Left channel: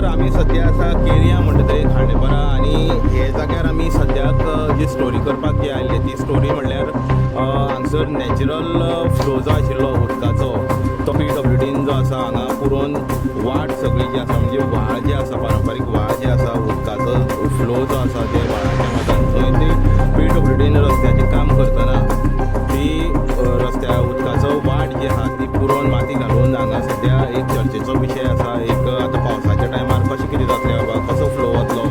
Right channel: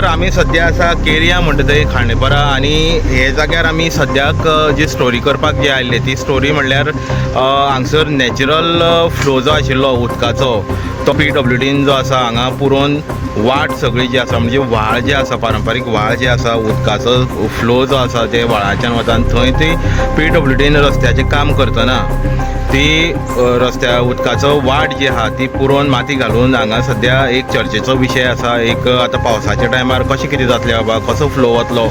नमस्कार. आम्ही सध्या आसा केरिया म्हणटा थंय खांडेपारा आनी हे जाग्यार आमी सद्याक जी स्टोरी करपाक जे आयल्ले ती स्टोरी म्हणल्यार हांगसर नॅचरल फ्लो जो आशिल्लो उदकाचो तो PWDन जो आसा हांगा पुरोवन वाट सगळी जी आसा म्हणजे व्हाळ जे आसा पारंपारीक व्हाळ जे आसा उदकाचो फ्लो जो आसा ते व्हाळाच्यान वता थंय ती PWDन रस्त्याचें काम करतना ती रस्त्या उदकाचो वाट जी आहा ती पुरोवन माती घालून हांगा सद्या एक चर्चेचो विशय आसा. एक आतां पावसाच्या टायमार कशें कितें जातलें बाबा, कसो फ्लो वतलो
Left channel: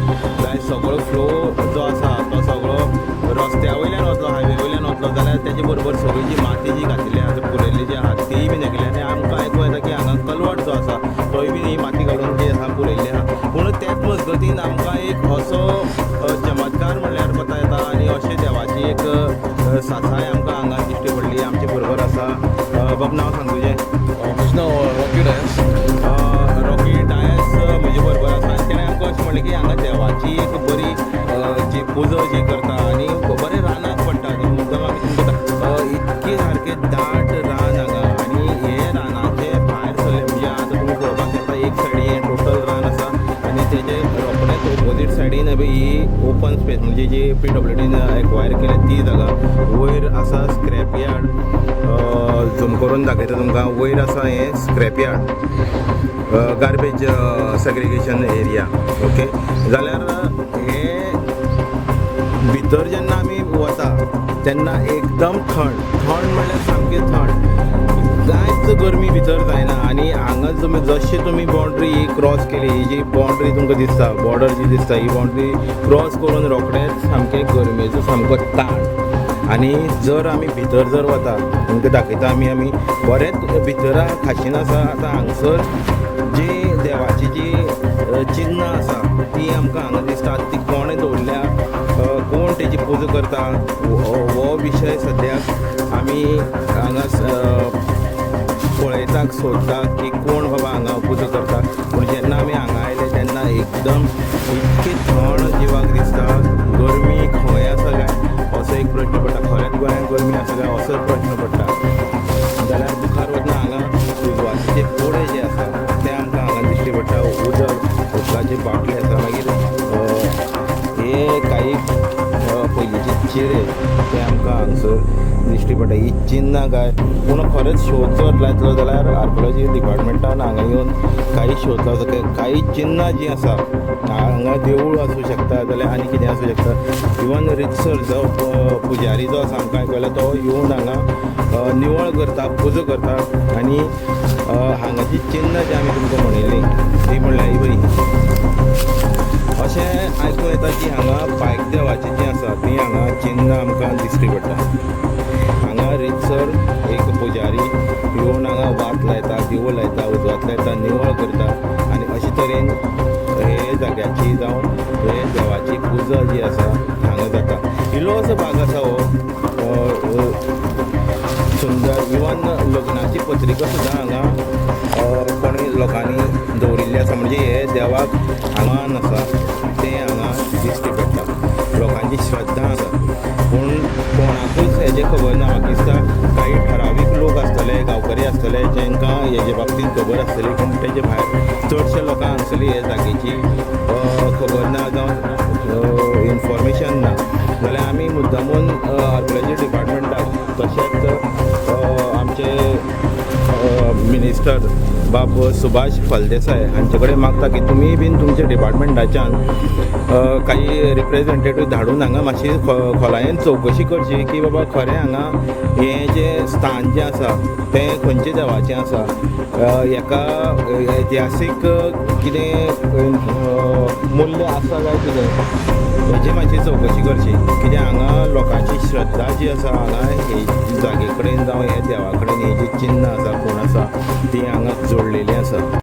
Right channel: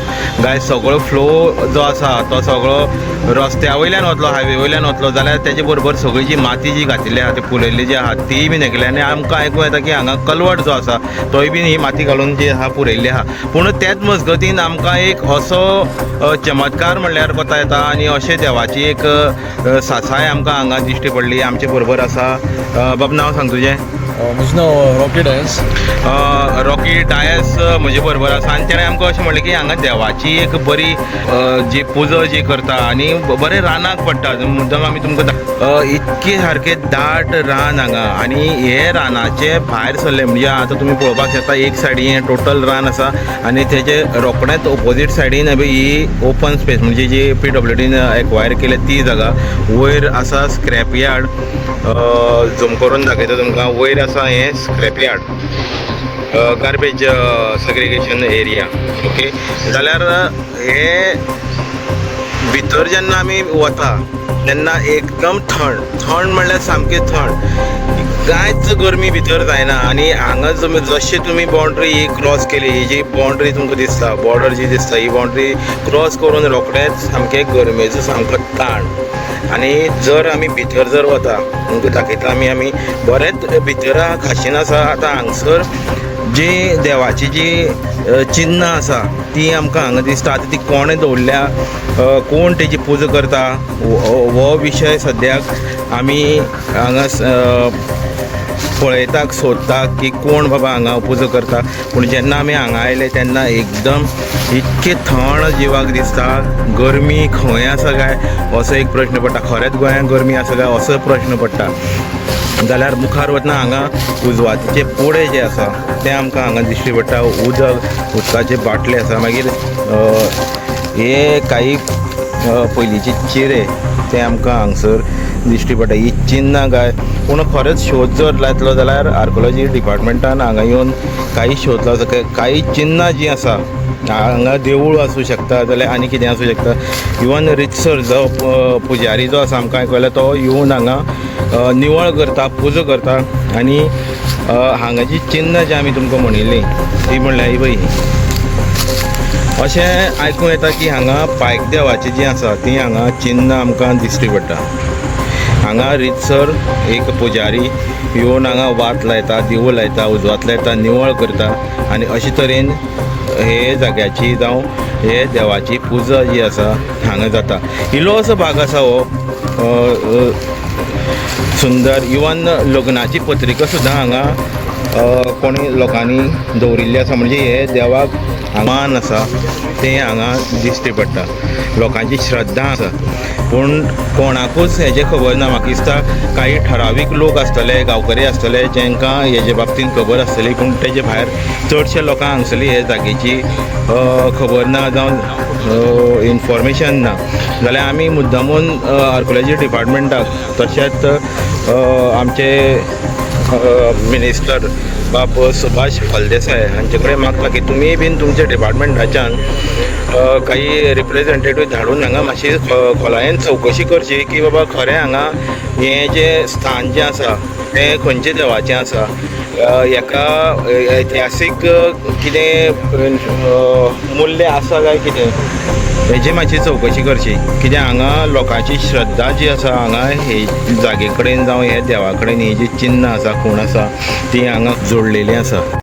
गाय, सगळो फ्लो जो आसा तो सगळो रस्त्या वयल्यान वतलो, हायवे वयल्यान वतलो जाल्यार तेजे बरोबर सगळी जी माती जी घातिल्ली आहा ती पुरयल्ली जी आहा ती बीन हेगली आनी आमकां आयकूं येता की हांगा कलवट जो आसा तोय बीन ही माती घालून जी आहा पुरयल्ली आहा. पूण तेच मजगतीन आमकां एक असो चमत्कार म्हणल्यार कोता येता आनी अशें देवाची एक सासाय आमकां हांगा दिश्टी पडली. आमचे बरोबर आसा बाब, नांव सांग तुजें? म्हजें नांव रॉकी डायस. रॉकी डायस म्हजे बरोबर आसा आनी तेणें आमकां अशें म्हणलें की हांगा देवाची एक बरी जी पुजा जी करता आनी बरें रानाक पडटा. मुद्दम आमी तुमकां इतके सारके दाट रान हांगा आनी हे रानाचे भायर सरले म्हणजे आतां तुमी पळोवपाक शकता एक सायडीन टोटल रान आसा आनी तेजे रोखडेंच ऑपोजीट सायडीन ही ओपन स्पेस म्हणजे जी PWDन एक्वायर केल्या ती जागा. वयर आसा स्क्रॅप यार्ड, झूम करून दाखयता तुमकां. वयर आसा हें scrap yard, garbage segregation area. Okay, जाल्यार हे भितर जेन्ना आमी वता तेन्ना एकदम थंड म्हणल्यार सामकी थंड, कांयच गरमी भितर जायना. आनी हांगा जशें तुमी बाउंड्री ही क्रॉस केली, ही जी बाउंड्री तुमकां दिसता, बॉर्डर जी दिसता, ही बाउंड्री क्रॉस करून रोखडेंच सामकें गरमेचो सामको ताण. आनी जर आमी भितर जर वता तुमकां दाखयता आमी बरेंच भितर खाशेन आसा. आतां हांगसर जी देवाची जी चिन्ह आसा ती आमकां हांगा दिसता. आतां ती कोणें दवरल्या, कोण तेजी पुजा करता हो विशय सद्याक आमी हांगा पळयताक सोदतात की कोण बाबा हांगा पुजा करता. पूण जेन्ना आमी हांगा आयले तेन्ना एकदम इतके थंड जिवाक दिसता. गरमी खंय आसा काय असो एक प्रश्न पडटा. खरेंच गोंयांत गरमी आसा काय असो प्रश्न पडटा. जाल्यार मुखार वतना हांगा उजवातीचे पोडे जे आसा ते आमकां हांगा दिश्टी पडटा. उदकाचे बाटले आसा. मागीर हे काही पयलींचे चिरे ते आमकां हांगसर दिश्टी पडटा. ही चिन्नां काय, पूण खरेंच शोध जर लायतलो जाल्यार आर्कोलॉजी डिपार्टमेंटान हांगा येवन काही शोध लावचो. काही चिन्नां जीं आसा हांगा देवूळ आसूं शकता जाल्यार आनी कितें आसूं शकता. इवन रितसर जो पुजारी जो आसा आमकां आयकयला तो येवन हांगा निवळ करता, पुजा करता. आनी हांगा जी चिन्नां जी आमी तुमकां म्हणिल्ली ती म्हणल्यार ही पळय, अशें आयकूं येता की हांगा पायक देवाची जी आसा ती हांगा चिन्नां आमकां दिश्टी पडटा. हांगा रितसर एक पुजारी येवन हांगा वात लायता, दिवो लायता, उजवात लायता, निवळ करता आनी अशे तरेन हे जाग्याची जावं हे देवाची पुजा जी आसा हांगा जाता. इल्लो असो भाग आसा हो सुंदर. इवन लग्नाची पत्रिका सुद्दां हांगा कोणी लोकांनी दवरिल्ली आसा. म्हणजे हे देवाक मान आसा तें हांगा दिश्टी पडटा. लोकांची श्रद्धा आसा. पूण कोणाकूच हेजें खबर ना. म्हाका दिसता काही ठरावीक लोक आसतले, गांवकरी आसतले जेंकां हेजे बाबतींत खबर आसतली. पूण तेजे भायर चडशे लोकांक हांगसरली हे जागेची खबर ना जावं इन्फॉर्मेशन ना. जाल्यार आमी मुद्दामून आर्कोलॉजी डिपार्टमेंटाक तशेंच आमचे मिनिस्टर बाब सुभाष फळदेसाय हांचे कडेन मागता की तुमी बीन तुमच्या डिपार्टमेंटाच्यान काही रिप्रेझेंटेटीव धाडून हांगा मातशी खोलायेन चवकशी करची की बाबा खरें हांगा हें जें स्थान जें आसा तें खंयचे देवाचें आसा. हेका ऐतिहासीक कितें मूल्य आसा काय कितें हेजी मातशी चवकशी करची. कित्याक हांगा लोकांची श्रद्धा जी आसा हांगा हे जागे कडेन जावं हे देवा कडेन ही जी चिन्ह आसा, खूण आसा ती हांगा जोडलेली आसा.